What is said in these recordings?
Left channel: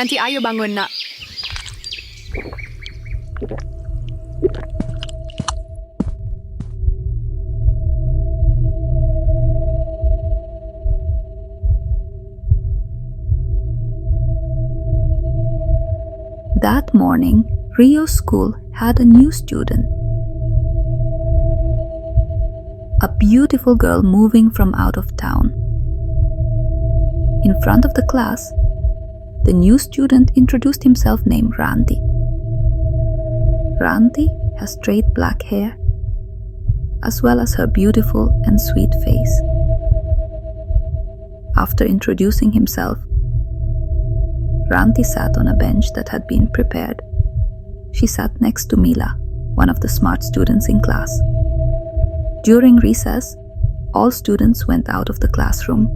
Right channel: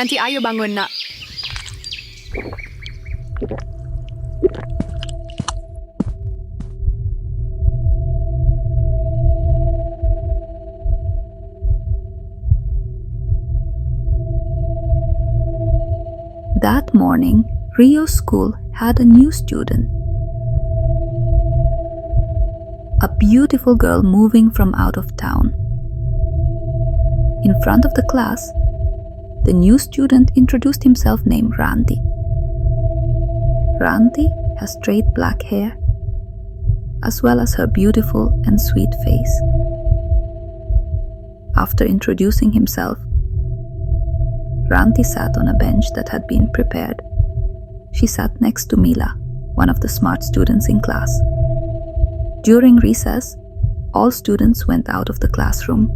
Ranti, ayo bangun, nak. That morning, Rio's school had a new student. A beautiful girl moving from out of town. In front of the class, the new student introduced himself named Ranti. Ranti has straight black hair, as well as her beautiful and sweet face. After introducing himself, Ranti sat on a bench that had been prepared. She sat next to Mila, one of the smart students in class. During recess, all students went out of the classroom.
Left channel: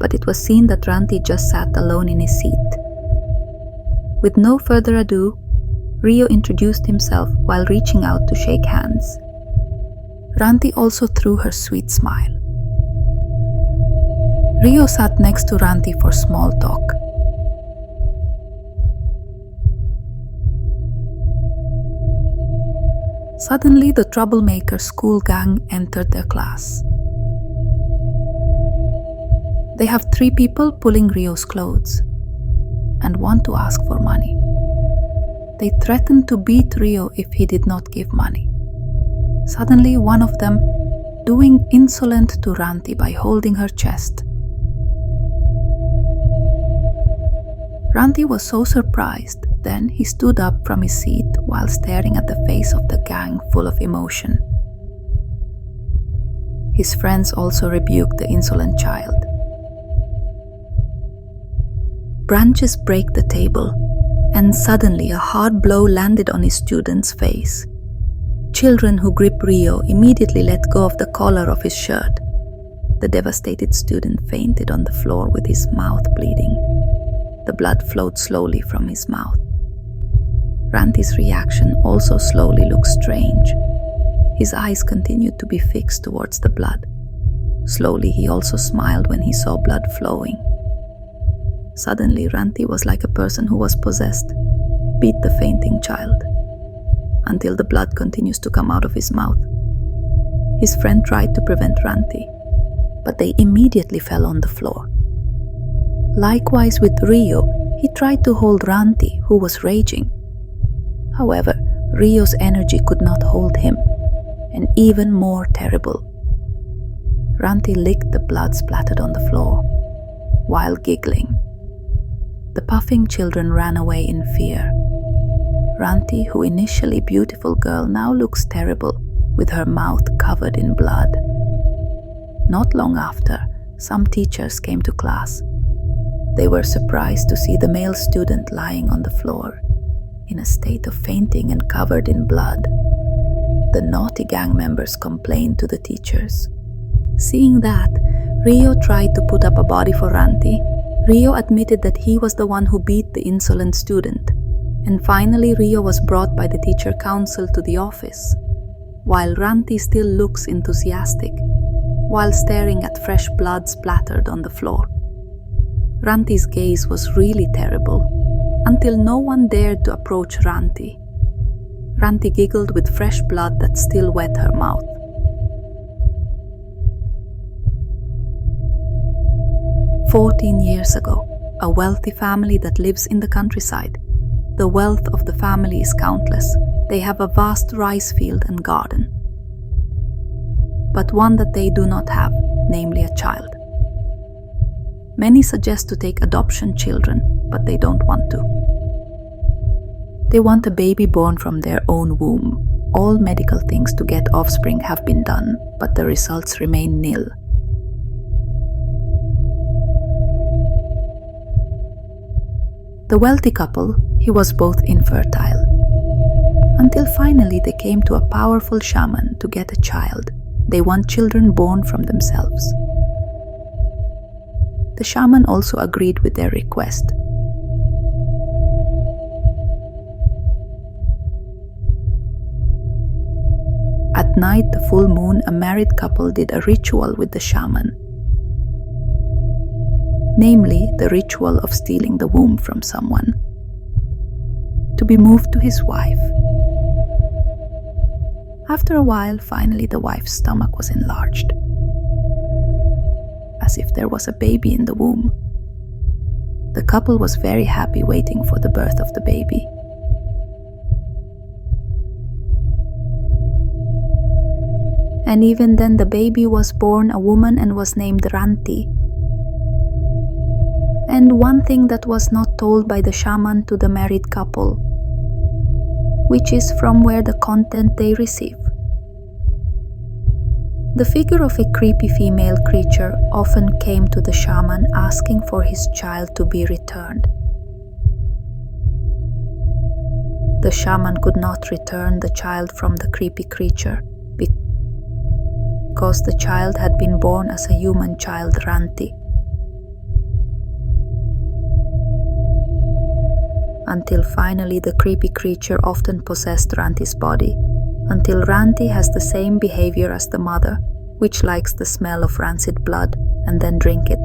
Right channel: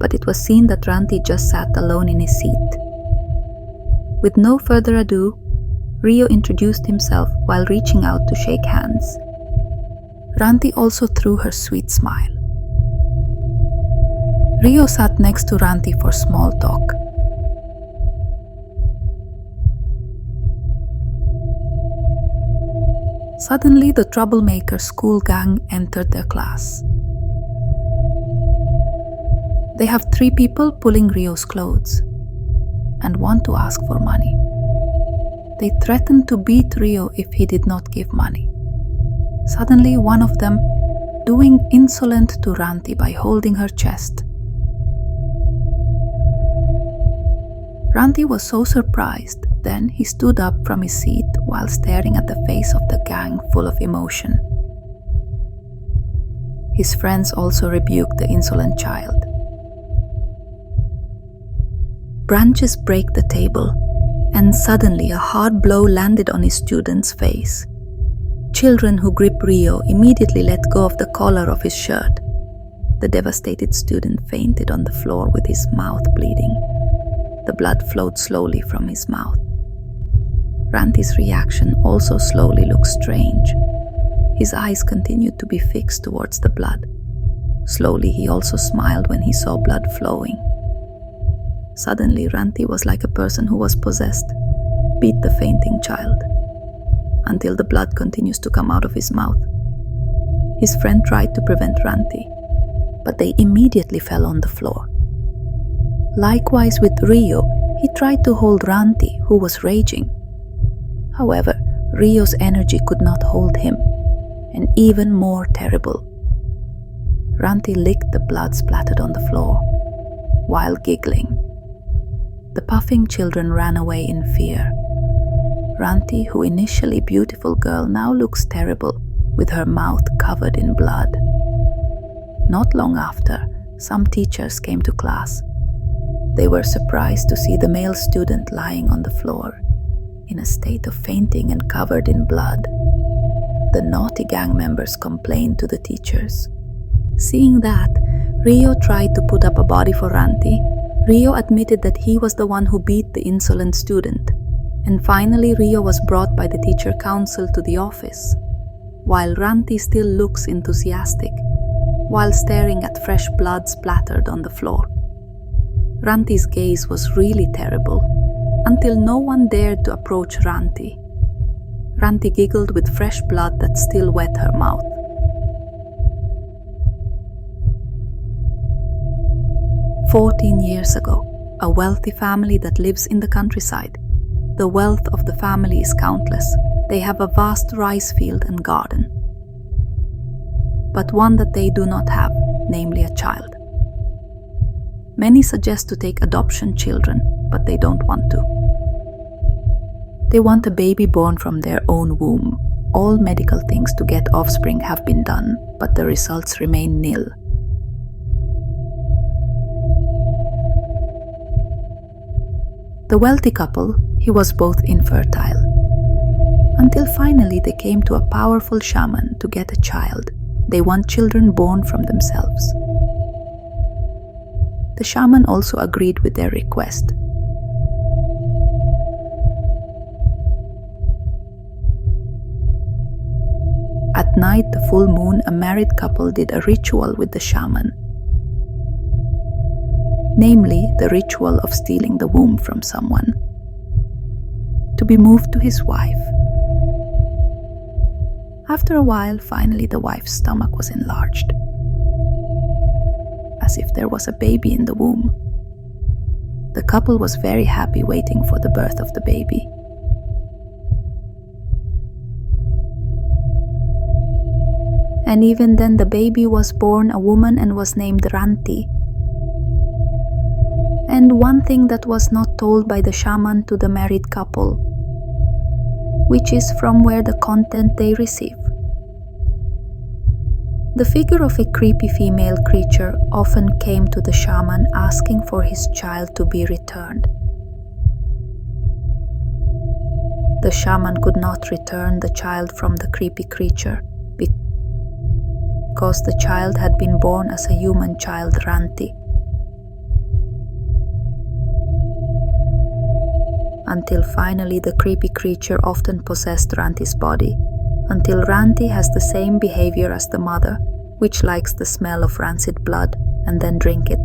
But it was seen that Ranti just sat alone in his seat. With no further ado, Rio introduced himself while reaching out to shake hands. Ranti also threw her sweet smile. Rio sat next to Ranti for small talk. Suddenly, the troublemaker school gang entered their class. They have 3 people pulling Rio's clothes and want to ask for money. They threatened to beat Rio if he did not give money. Suddenly, one of them doing insolent to Ranti by holding her chest. Ranti was so surprised, then he stood up from his seat while staring at the face of the gang full of emotion. His friends also rebuked the insolent child. Branches break the table, and suddenly a hard blow landed on his student's face. Children who grip Rio immediately let go of the collar of his shirt. The devastated student fainted on the floor with his mouth bleeding. The blood flowed slowly from his mouth. Ranti's reaction also slowly looked strange. His eyes continued to be fixed towards the blood. Slowly he also smiled when he saw blood flowing. Suddenly Ranti was like a person who was possessed, beat the fainting child, until the blood continues to come out of his mouth. His friend tried to prevent Ranti, but they immediately fell on the floor. Likewise with Rio, he tried to hold Ranti, who was raging. However, Rio's energy could not hold him, and even more terrible, Ranti licked the blood splattered on the floor, while giggling. The puffing children ran away in fear. Ranti, who initially beautiful girl, now looks terrible, with her mouth covered in blood. Not long after, some teachers came to class. They were surprised to see the male student lying on the floor, in a state of fainting and covered in blood. The naughty gang members complained to the teachers. Seeing that, Rio tried to put up a body for Ranti. Rio admitted that he was the one who beat the insolent student. And finally, Rio was brought by the teacher council to the office, while Ranti still looks enthusiastic, while staring at fresh blood splattered on the floor. Ranti's gaze was really terrible, until no one dared to approach Ranti. Ranti giggled with fresh blood that still wet her mouth. "14 years ago, a wealthy family that lives in the countryside. The wealth of the family is countless. They have a vast rice field and garden. But one that they do not have, namely a child. Many suggest to take adoption children, but they don't want to. They want a baby born from their own womb. All medical things to get offspring have been done, but the results remain nil. The wealthy couple, he was both infertile. Until finally they came to a powerful shaman to get a child. They want children born from themselves. The shaman also agreed with their request. At night, the full moon, a married couple did a ritual with the shaman. namely the ritual of stealing the womb from someone, to be moved to his wife. After a while, finally the wife's stomach was enlarged, as if there was a baby in the womb. The couple was very happy waiting for the birth of the baby. And even then the baby was born a woman and was named Ranti. And one thing that was not told by the shaman to the married couple, which is from where the content they receive. The figure of a creepy female creature often came to the shaman asking for his child to be returned. The shaman could not return the child from the creepy creature because the child had been born as a human child, Ranti. Until finally the creepy creature often possessed Ranti's body, until Ranti has the same behavior as the mother, which likes the smell of rancid blood and then drink it.